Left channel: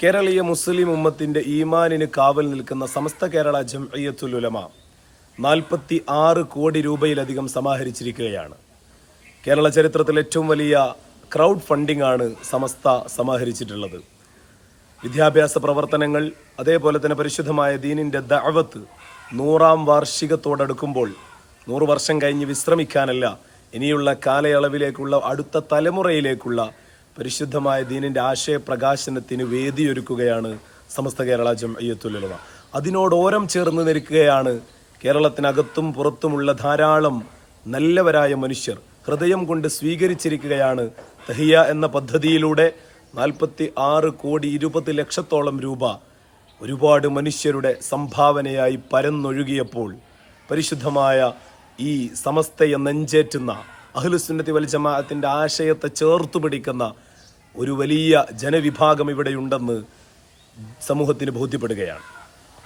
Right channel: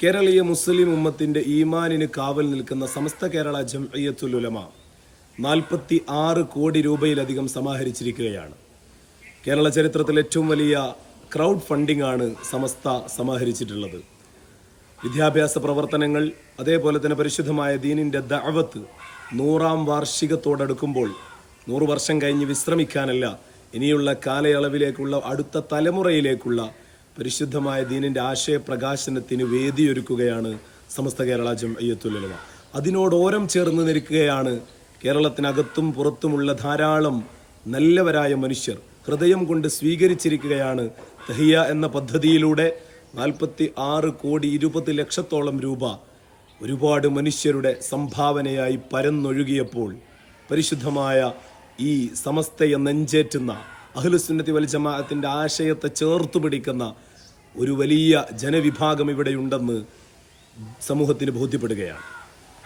കേരളീയ മുസ്ലിം ഉമ്മത്തിന്റെ ഈമാനിന് കാവൽ നിൽക്കുന്ന സമസ്ത കേരള ജംഇയ്യത്തുൽ ഉലമ നാൽപ്പത്തി ആറ് കോടി രൂപയിലധികം സമാഹരിച്ചിരിക്കുകയാണ്. കേരള ചരിത്രത്തിൽ ഏറ്റവും വലിയ ക്രൗഡ് ഫണ്ടിംഗ് ആണ് സമസ്ത സമാഹരിച്ചിട്ടുള്ളത്. വിദ്യാഭ്യാസ പ്രവർത്തനങ്ങൾ അതേപോലെ തന്നെ പരിശുദ്ധമായ ദീനിന്റെ ദഅവത്ത് നൂറാം വാർഷികത്തോടടുക്കുമ്പോൾ നൂറ് വർഷം കഴിഞ്ഞ് വിശ്രമിക്കാനല്ല ഇനിയുള്ള കാലയളവിലേക്കുള്ള അടുത്ത തലമുറയിലേക്കുള്ള പരിശുദ്ധമായ ദീനിന്റെ ആശയപ്രകാശനത്തിന് വേദിയൊരുക്കുകയാണ് സമസ്ത കേരള ജംഇയ്യത്തുൽ ഉലമ അതിനോട് ഓരം ചേർന്ന് നിൽക്കുകയാണ് കേരളത്തിനകത്തും പുറത്തുമുള്ള ധാരാളം നല്ലവരായ മനുഷ്യർ. ഹൃദയം കൊണ്ട് സ്വീകരിച്ചിരിക്കുകയാണ് തഹിയ എന്ന പദ്ധതിയിലൂടെ നാൽപ്പത്തി ആറ് കോടി ഇരുപത് ലക്ഷത്തോളം രൂപ ഒരുപാട് മനുഷ്യരുടെ സംഭാവനയായി പരന്നൊഴുകിയപ്പോൾ പരിശുദ്ധമായ ഈ സമസ്തയെ നെഞ്ചേറ്റുന്ന അഹ്ലുസുന്നത്തി വൽ ജമാഅത്തിന്റെ ആശയത്തെ ചേർത്തു പിടിക്കുന്ന ഒരു വലിയ ജനവിഭാഗം ഇവിടെയുണ്ടെന്ന് സമൂഹത്തിന് ബോധ്യപ്പെടുകയാണ്.